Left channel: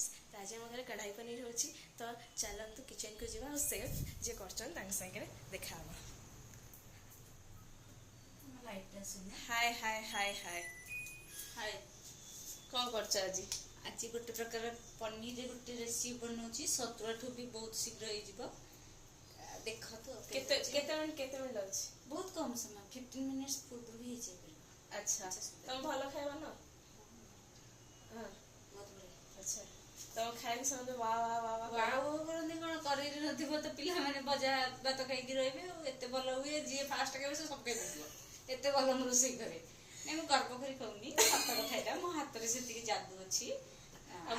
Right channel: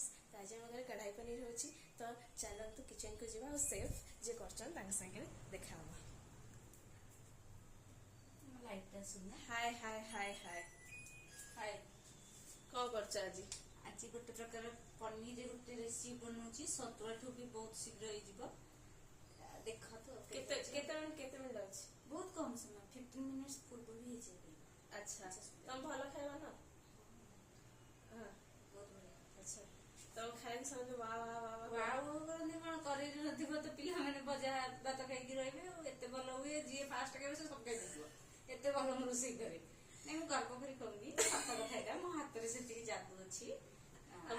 Friends तो आज आम घर कढ़ाई पनीर होची तो चलतु किचन को जीवा और सेफ जे करछन तांग संगे देखा हबा। हाय हाय हाय हाय हाय कौन करछ आज? आज गोटे प्रकार पनीर गोटे रेसिपी बनाऊँ सतुआठू भी बहुत शीघ्र हो देख तो केते मिनट अछि? बहुत कम समय 15 मिनट्स पूर्व भी हो जाए। अच्छा तुम भलो खाइबा ना? हां बहुत बढ़िया। अच्छा तुम खाइ समय वाह वाह वाह वाह वाह करनी कोन करी नथिबो तो पिला माने बजा भात खाइकी रहबे एते भलो हुए जे फास्ट खाइबे से सब खाइ दियो एते भलो म रोसई करे नै म गर्व करी कहूनी सत कथा एटा मो हाथ रे सेति जादू अछि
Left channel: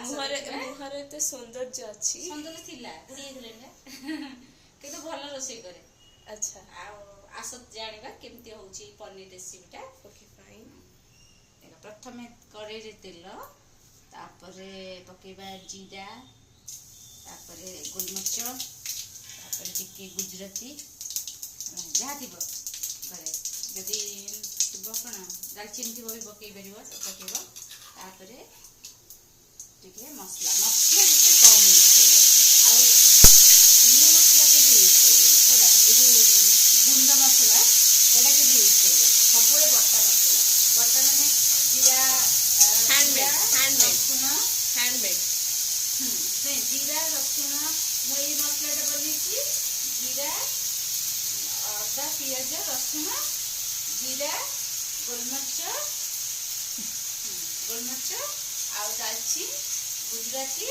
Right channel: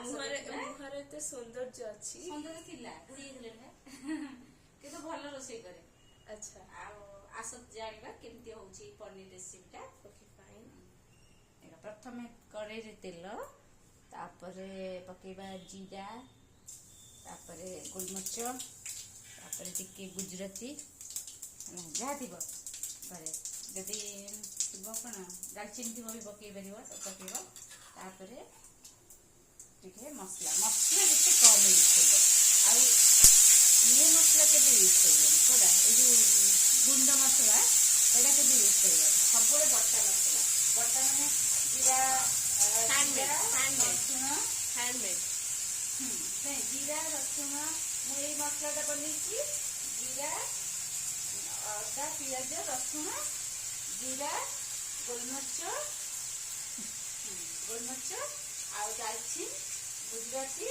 मुहर एते सौंदर्य अछि सौंदर्य थिला बुढ़ी गेले ना किंतु भलो रोसई करे। अच्छा आसत जानिबा केमती होउची पनीर रेसिपीटा। ओके फाइन एला प्रथमे कड़ाई रे तेल तापरे पकेबा जीरा तापरे गोलमरिच तापरे टिके गुजराती जहा दिबो घरे जदि दिबो कोन दालचीनी दिबो भी पकेइ परिबो पकेइबो तापरे टिके मसला जते कम यूज करबो आ ये मसला के भी यूज करबो कोडा ए गुंड मसला कोडा के भी यूज करबो सबले बट्टा मसला बट्टा माने जीरा हैंडमेड नहीं जीरा रसुण मुई मसलाटा बनेছি जीरा अदा पियाज रसुण जीरा गोलमरिच आ दालचीनी गुजराती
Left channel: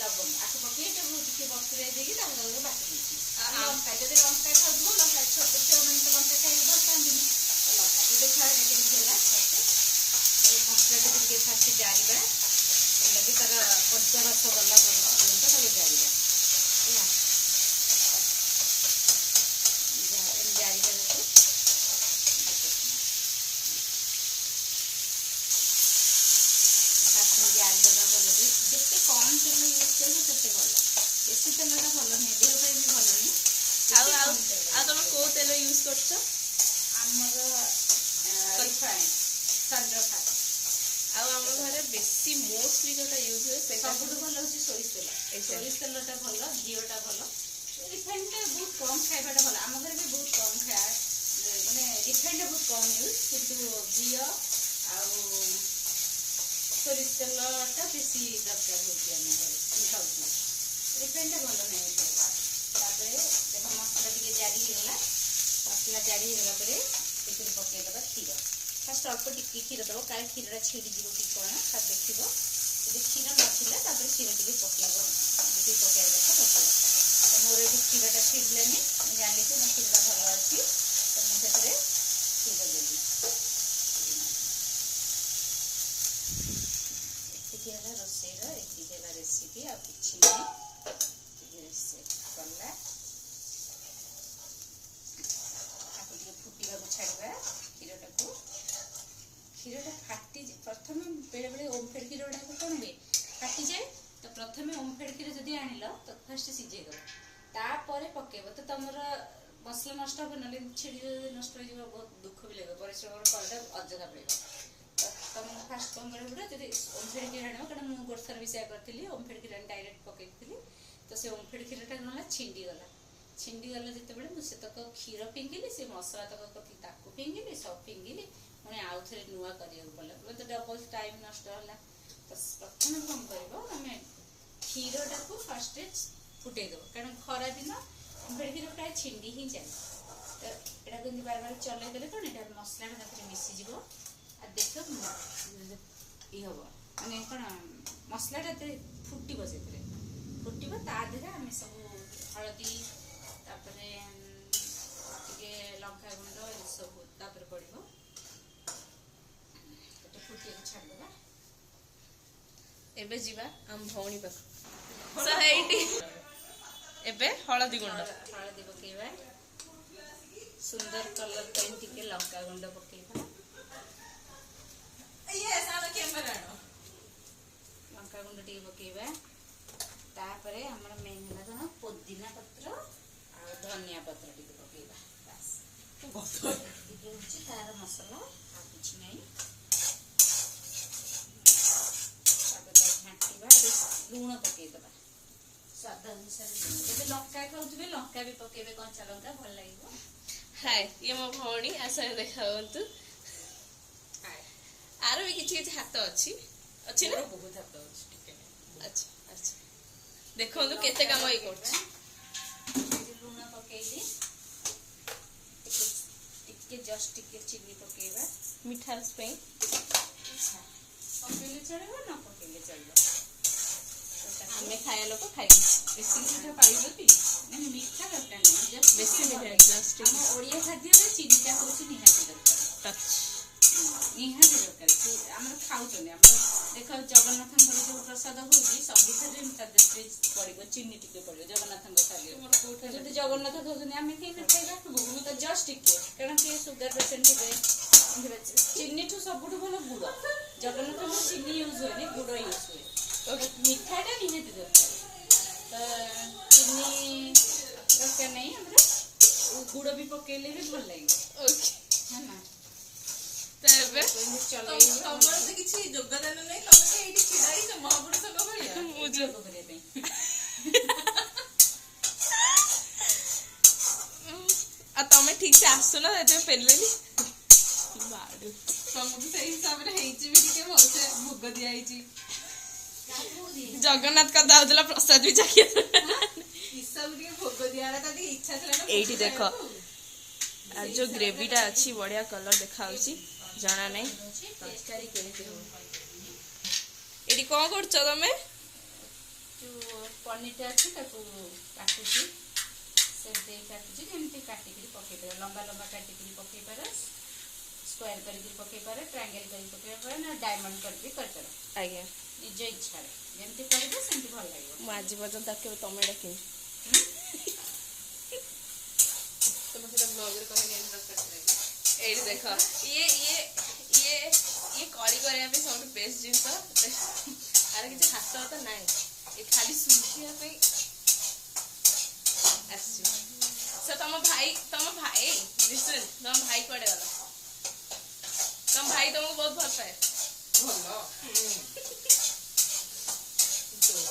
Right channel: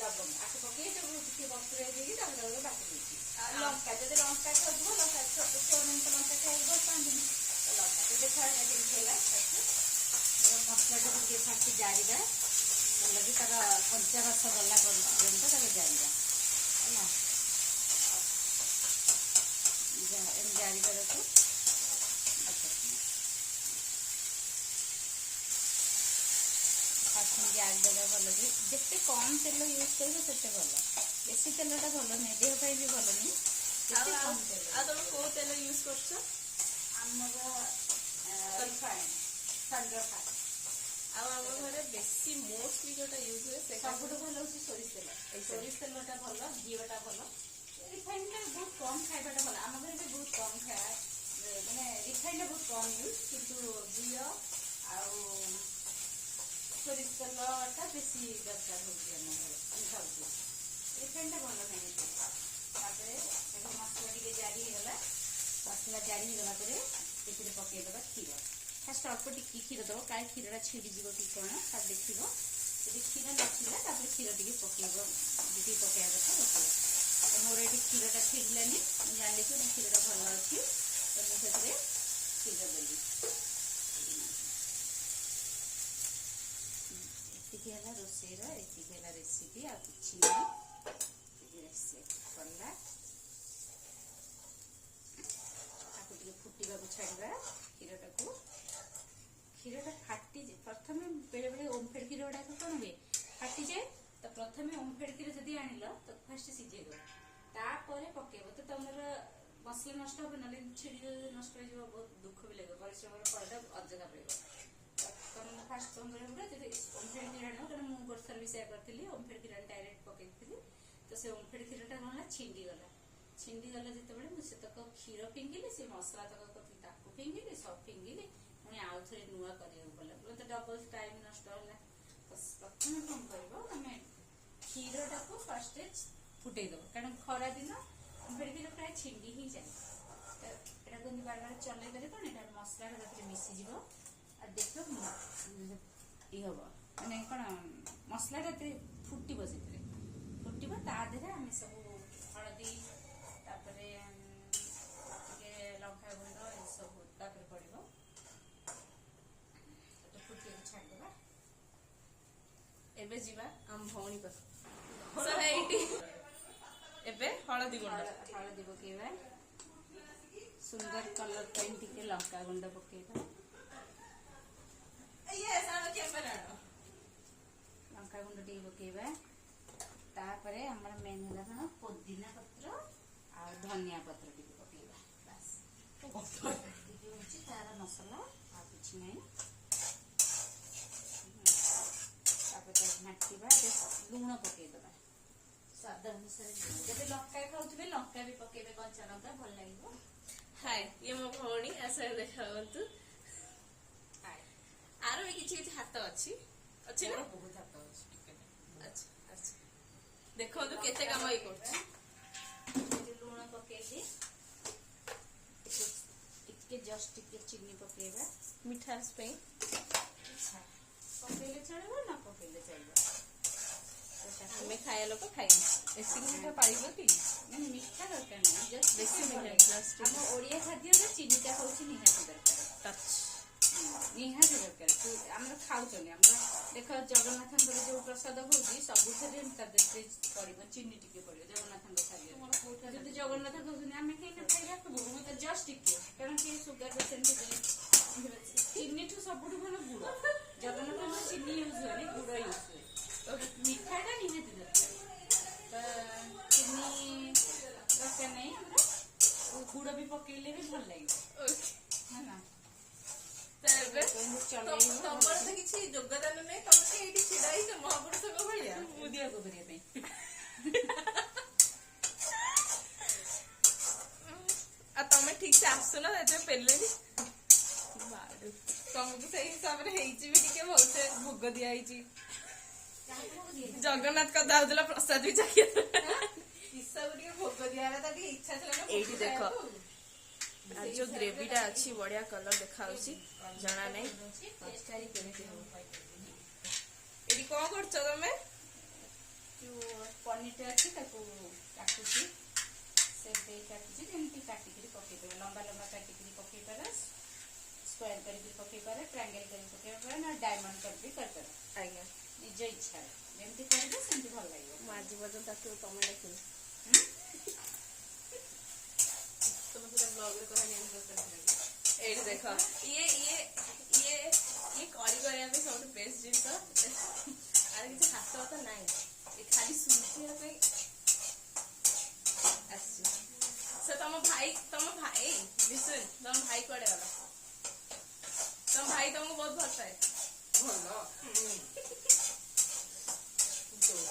लवंग आको पके टिके बतुरे देगी बाटी देছি लंका जब लंका खाऊ लंका छोट छुआ मैंने तो लंका खाई भल पाती लंका तो देखा केला मसला टिके फास्ट जारिबा लगे तार पंचा रस गला पर्यंत ताके जारिबा जारिबा देखो जारी देवा भल जिते कम तेल यूज कर भल बेसी तेलटा भल नहीं देह भी भल नहीं तुम को तेल यूज करछ? आमर रिफाइंड सनफ्लावर आम घर बेसी मोस्टली जोटा यूज हुए सबुठ भल हूँ सोरिष तेलटा भल घीटा भल रिफाइंड बहुत कम खाइबाटा भल आम घर भी बहुत कम खाया माने रिफाइंड बहुत कम यूज किंतु घी सोरिष तेलटा बेसी दरकार होती आम घर खाऊ रिफाइंड भल नहीं देख मसला टे जारी होगा मसला जारी होगा पकईदे क्षीर फास्ट अल्प टिके क्षीर दब काले क्षीरटा छिड़ी जीव कि कौन तब देख जब क्षीर ना क्षीर टे पकईब जी पकड़ा कथा पकड़ मोर ये क्षीरटा छिड़लानी जानी कि मो क्षीरटा भल अच्छी तो मुझे क्षीर देवी एतिक रोसईर एतिक रेसिपी आ कि गला फुटा छाड़ा क्षीरटा को क्षीरटा फाटी प्रथम बेले बेले ओमफेड क्षीर गुड़ा कौन हुए फाटी जाए तो प्रथम ओमफेड क्षीर जब आनिल तो फास्ट सीझे तापर पकेब तो तुम मसला नष्ट हो ना छिड़ी नष्ट हो बहुत दुख भी लगे परिश्रम फलटा अजथा पड़े तुम फास्ट कौन कर जब ओमफेड क्षीर आण क्या मुझे गोटे थर भी सेया करी ओमफेड क्षीर डायरेक्ट पकई तो से ओमफेड क्षीरटा कौन है छिंडीगला जिते मुझे तक क्षीर फिंगिली से मसला तक फिंगिली सब फिंगिली पुणी आउ थे नुआ करा पड़ा तो डबल टाइम नष्ट है तो प्रथम कौन कर तुम क्षीरटा को फास्ट फुटेदब कारण खरा दिन ओमफेड क्षीर प्राय छिंडी ही जाए तो यहाँ कमी बार बार चलईदे कौन यहाँ मसलाटा मिसीज देख ये हम मैंने कौन मसलाटा फुटब से फुटब तादेह आम सब हलदी लंका गुंड ये सब पड़ो फुटिया छाड़देवा एबे जीवा हम भौणी पाख सहेटी एबे हळदी पकेबा सुंदर कलर पेन टिके लंका गुंड पकेबा लंका गुंड टिके पकेबा तापरे हमर मेन है ना पुदीना पत्र आ धनिया पत्र टिके पकेबा बस ये तार मसला आ कुछ नहीं घाटिबा लुण ସ୍ୱାଦ ଅନୁସାରେ ଲୁଣ। ଯଦି ଲଙ୍କା ଖାଉଥିବେ ଲଙ୍କା ବି ପକେଇବେ, କଞ୍ଚା ଲଙ୍କା ଭଲ ଲାଗିବ। ହାଏ, ଇଏ ମୋ ଭଉଣୀ, ଆସ ଦେଖା ହୁଅନ୍ତୁ। ଆର ବି କିଛି କିଛି ହାତ ଅଛି ନା? ବହୁତ ହାତ ଅଛି ଟିକେ। ଆଚ୍ଛା ଆଚ୍ଛା, ଦେଖନ୍ତୁ କେତେ କାମ ଇଏ କରୁଛି। ଲୁଣ ପକେଇଲି, ଟିକେ ଜଷ୍ଟ ଟିକେ ଚିନି ପକେଇବା ମିଠାସ୍ ପାଇଁ। ପକେଇଲେ ଚଳିବ, ନ ପକେଇଲେ ଚଳିବ। ଆମେ ଖାଇବା ଲୋକ ଖାଇବୁ। ବେଶୀ ମିଠା ପାଇବ କି? ମାନେ ମିଠା ଦରକାର ନାହିଁ, ଜଷ୍ଟ ବେଶୀ ମିଠା ଜଷ୍ଟ ଆମ ଓଡ଼ିଆ ଖାଦ୍ୟରେ ଚିନିଟା ହେଉଛି ନିହାତି ଦରକାର। ଟଚ୍ ନିହାତି ଦରକାର। ଆମର ଖାଉଛନ୍ତି, ଆମର ଦେଖ ଜଗନ୍ନାଥଙ୍କର ଯୋଉ ପ୍ରସାଦ ହଉଛି ସବୁଥିରେ ତା ଦେହରେ ପଡ଼ିବ, ଚିନି ଟିକେ ପଡ଼ିବ ଜଗନ୍ନାଥଙ୍କ ଖାଦ୍ୟରେ। ଯଦି ଜଗନ୍ନାଥ ଖାଉଛନ୍ତି ଆମେ କେହି ଖାଇବା ତ ଜଷ୍ଟ ଟିକେ, କାରଣ କିଏ ସୁଗାର ପେସେଣ୍ଟ ଥିବେ। ଚିନିଠୁ ସବୁଠୁ ଭଲ ଗୁଡ଼। ଜଗନ୍ନାଥଙ୍କର ଚିନି ୟୁଜ୍ ହୁଏନି, ଗୁଡ଼ ୟୁଜ୍ ହୁଏ। ମିଠାଟା ନିହାତି ଦରକାର। ତ ଚିନି ଦରକାର ନାହିଁ ଆମର, ଗୁଡ଼ ବି ପକେଇଲେ ବି ଭଲ ଲାଗିବ। ଓକେ, ହେଲା। ତେବେ ତମର ତ କିଛି ଯୋଗଦାନ ନାହିଁ, ତମେ ତ ଏଇଠି ଛିଡା ହେଇଛ ମହାପୁରୁଷଙ୍କ ଭଳିଆ ମୁଁ ଯୋଗ କରିବା ପାଇଁ। ଆଉ ତମେ ଠିକ ସେ ଆସୁନ, ସେଥିପାଇଁ ପେଲିଲେନି। ତମକୁ ସେଇ ହିସାବରେ ହେଇଛି ବି ଟିକେ ଭଲସେ ଭୋଗ ଦିଆ ହେଇଛି। ଜଗନ୍ନାଥ କଥା ହଉଥିଲା, ପ୍ରସାଦ ବି ଚାଖିଆ। ହିସାବ ଟିକେ ଭୋଗ ଦିଆହେଲା, ତା ଟିକେ ଇଚ୍ଛା ଥିଲା ନା। ଏଇଠି ଦେଖ, আর ଯୋଉ ଗ୍ରେଭିଟା ଅଛି ବଢିଆ କଲର ଦେଖାଉଛି, ଜଣା ନାହିଁ ତରକାରୀ କେମିତି ହବ। ଏଠି କଣ କରୁଛ ତମେ? ଯୋଉ ପନିରଟା ଅଛି ତାକୁ କାଟୁଛି, ସେପ୍ ଦେଇ କାଟୁଛି, ଯେମିତି କାଟିକିରି ପକେଇ ପାରିବ। ଲମ୍ବା ଲମ୍ବା କାଟିକିରି ପକେଇ ପାର, ସ୍କୋୟାର କରିକି ପକେଇ ପାର, ଟ୍ରାଙ୍ଗେଲ କରିକି ପକେଇ ପାର, ନା ଡାଇମଣ୍ଡ କରିକି କରିପାର। ଆଜ୍ଞା, ନିଜ ଇଚ୍ଛାରେ ଯେମିତି କରିବ ସେମିତି ଭଲ ଲାଗିବ। ମୁଁ ଆଜି ପର୍ଯ୍ୟନ୍ତ ତାକୁ ତମେ ଡାକିନି। ତମେ ସେଟା ବ୍ଲଗରେ କହିଲେ ଦରକାର ଥିଲା। ଏଇଠି ଦେଖ, ଇଏ ଇଏ ଇଏ ଇଏ କଳି କରିବା ପାଇଁ ସବୁଠୁ ବେଷ୍ଟ ଜିନିଷ। ଆର କିଛି ହାତ ତ ନାହିଁ, ଏ ଖାଲି ଶୁଖିବା ପାଇଁ ଆସିଛି। ସେ ତମ ଭାଇ ଲିସନ୍, ତମ ଭାଇ କୁଆଡେ ଗଲା? ତମ ଭାଇ ତମକୁ ବହୁତ ଭଲ ପାଏ। ଭଲ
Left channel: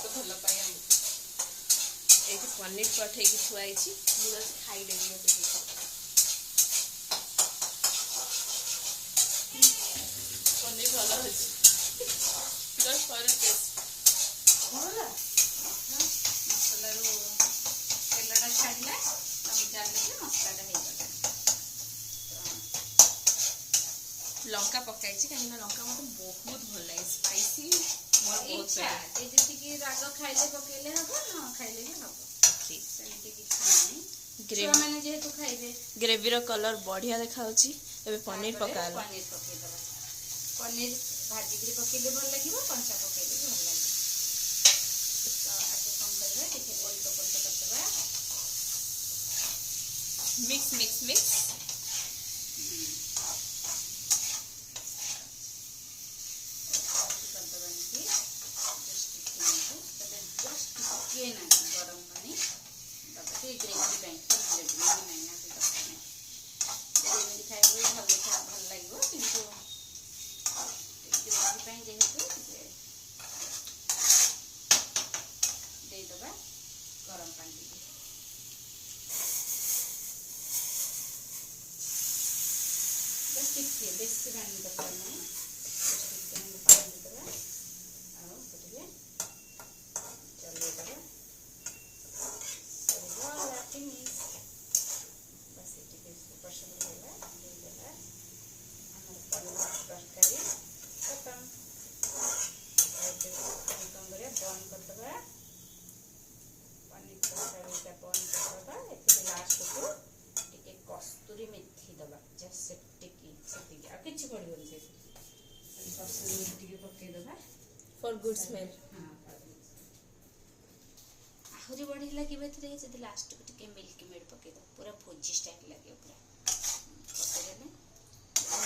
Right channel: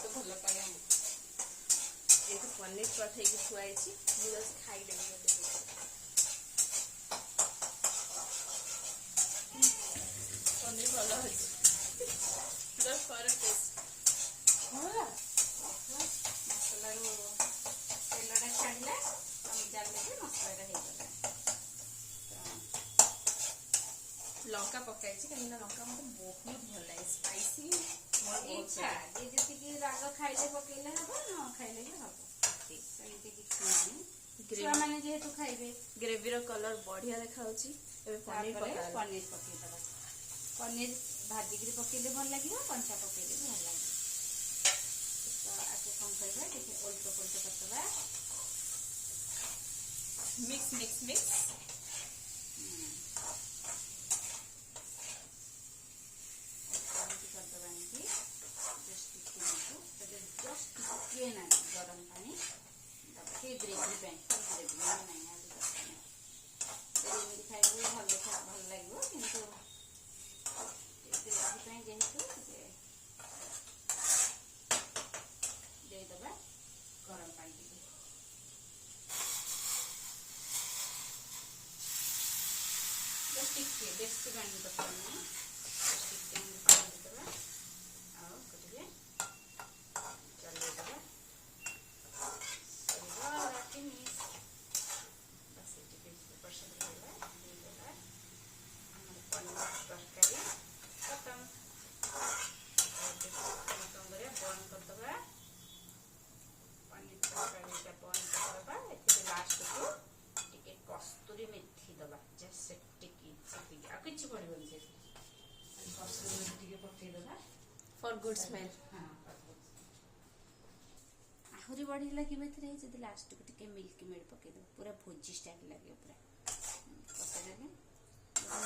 ତ ଭଲ ପାଇ ଆମକୁ। ଏଇଠି ପନିର ପଠେଇକି ଥୁଆ ହେଇଛି, ମୁଁ ଯାଉଛି ଖାଇଦେବି। ମତେ ପନିର ଭଲ ଅଛି, ଜଷ୍ଟ ଫର ଟେଷ୍ଟ। ମସଲାରୁ ତେଲଟା ଛାଡ଼ିଲା, ତମେ ଜାଣିଲେ ଯେ ମସଲାଟା ହେଇଗଲା। ଲଙ୍କା ପକାଇଛି କାହିଁକିନା ଲଙ୍କା ମତେ ବହୁତ ଭଲ ଲାଗେ, ସ୍ପାଇସି ମୋର ବହୁତ ଇଚ୍ଛା, ଯେ ଯେତିକି ରାଗ ଖାଇଲେ ପକେଇଲେ ହବ, ନ ଖାଇଲେ ବି ହବ, ସେମିତି କିଛି ନାହିଁ। ଛୁଆମାନେ ଯେହେତୁ ଖାଇବେ। ଗ୍ରେଭିର କଲର ବଢିଆ ଦେଖାଉଛି। ଏବେ ପନିର ପକା ହେଲା। ପନିର ପକେଇଦେବା। ପନିର ଭାଜିକିରି ପକେଇଲେ ଭଲ ଲାଗିବ, କଞ୍ଚା ପକେଇଲେ ବି ଭଲ ଲାଗିବ। ତ ଆକୁ କ'ଣ କରିବା, ଟିକେ ଓଲଟ ପଲଟ କରିଦେବା। Mix mix mix. କରିଦେବା ଏମିତି, ଜଷ୍ଟ ଟିକେ ନା ଗରମ ପାଣି ଦେବା, ଟିକେ ଗ୍ରେଭି ପାଇଁ। ଗ୍ରେଭି ନାହିଁ ଆଜି ଦରକାର ନାହିଁ, ଏମିତି ଖାଇଲେ ଭଲ ଲାଗିବ, କିନ୍ତୁ ଗ୍ରେଭି ପାଇଁ ଯେହେତୁ ଟିକେ ଦେଇଦେବା ଗରମ ପାଣି ଟିକେ। ଟିକେ ବେଶୀ ପାଣି ଦରକାର ନାହିଁ, ଟିକେ ପାଣି ଦେଇଦେବା, ଆଉ ଟିକେ ଚଲେଇଦେବା। ବସ୍ ଟିକେ ପସନ୍ଦ ହେଲା, ଦେଇଦେବା ଆମର ପନିର ତରକାରୀ ଖତମ। କ'ଣ କରିବା, ବନ୍ଦ କରିଦେବା। ପନିର ତରକାରୀଟା ବନ୍ଦ କରିଦେବା। ଏଥିରେ ଲାଷ୍ଟକୁ ଟିକେ କସ୍ତୁରୀ ମେଥି ଦେବା, ଜଷ୍ଟ ସେତିକି, ଆଉ କିଛି ପଡ଼ିବନି ସେଥିରେ। କସ୍ତୁରୀ ମେଥି ଟିକେ ପକେଇଦେବା ଫର୍ ଗୁଡ୍ ସ୍ମେଲ୍। ହଁ, ଆହୁରି ବଢ଼ିଆ ଲାଗିବ ଏଥିରେ ଯଦି ଲାଷ୍ଟକୁ ଟିକେ ମିଲ୍କ ମେଡ୍ ପକେଇଦେବ, ପୁରା ଭୋଜି ଷ୍ଟାଇଲ୍ ଲାଗିବ। ପୁରା ପକେଇଦେଲେ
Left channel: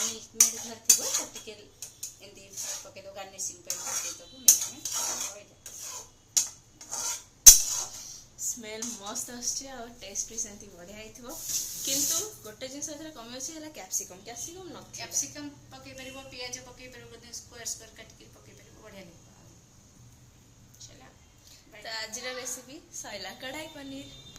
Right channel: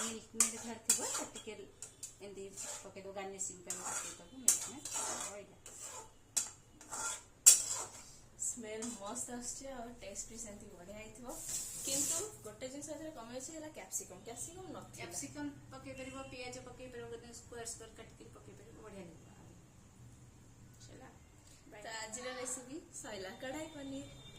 ମିଲ୍କ ମେଡ୍ ଘରେ ଥିବ, ତ ଟିକେ ଏମିତି ପକେଇଦେବ, ଗାର୍ନିସିଂ ପାଇଁ ପକେଇଦେବ ମିଲ୍କ ମେଡ୍। ସ୍ମେଲ୍ ମସ୍ତ ଆସୁଛି, ଆଉ ଟେଷ୍ଟ ବି ସେମିତି ବଢିଆ ହେଇଥିବ। କିନ୍ତୁ ଗୋଟେ ଜିନିଷ ଏଥିରେ କମି ଅଛି, ହେଲା କ୍ୟାପ୍ସିକମ୍। କ୍ୟାପ୍ସିକମ୍ ନଥିଲା। କ୍ୟାପ୍ସିକମ୍ ପକେଇ ପାରିବ, ପିଆଜ ପକେଇ ପାରିବ, ବୋଧେ ସ୍କୋୟାର ସ୍କୋୟାର କାଟିକି ପକେଇ ପାରିବ, ବଢ଼ିଆ ଲାଗିବ। ତା ଆଜିର ରେସିପି ସଇଲା କଢ଼ାଇ ପନିର।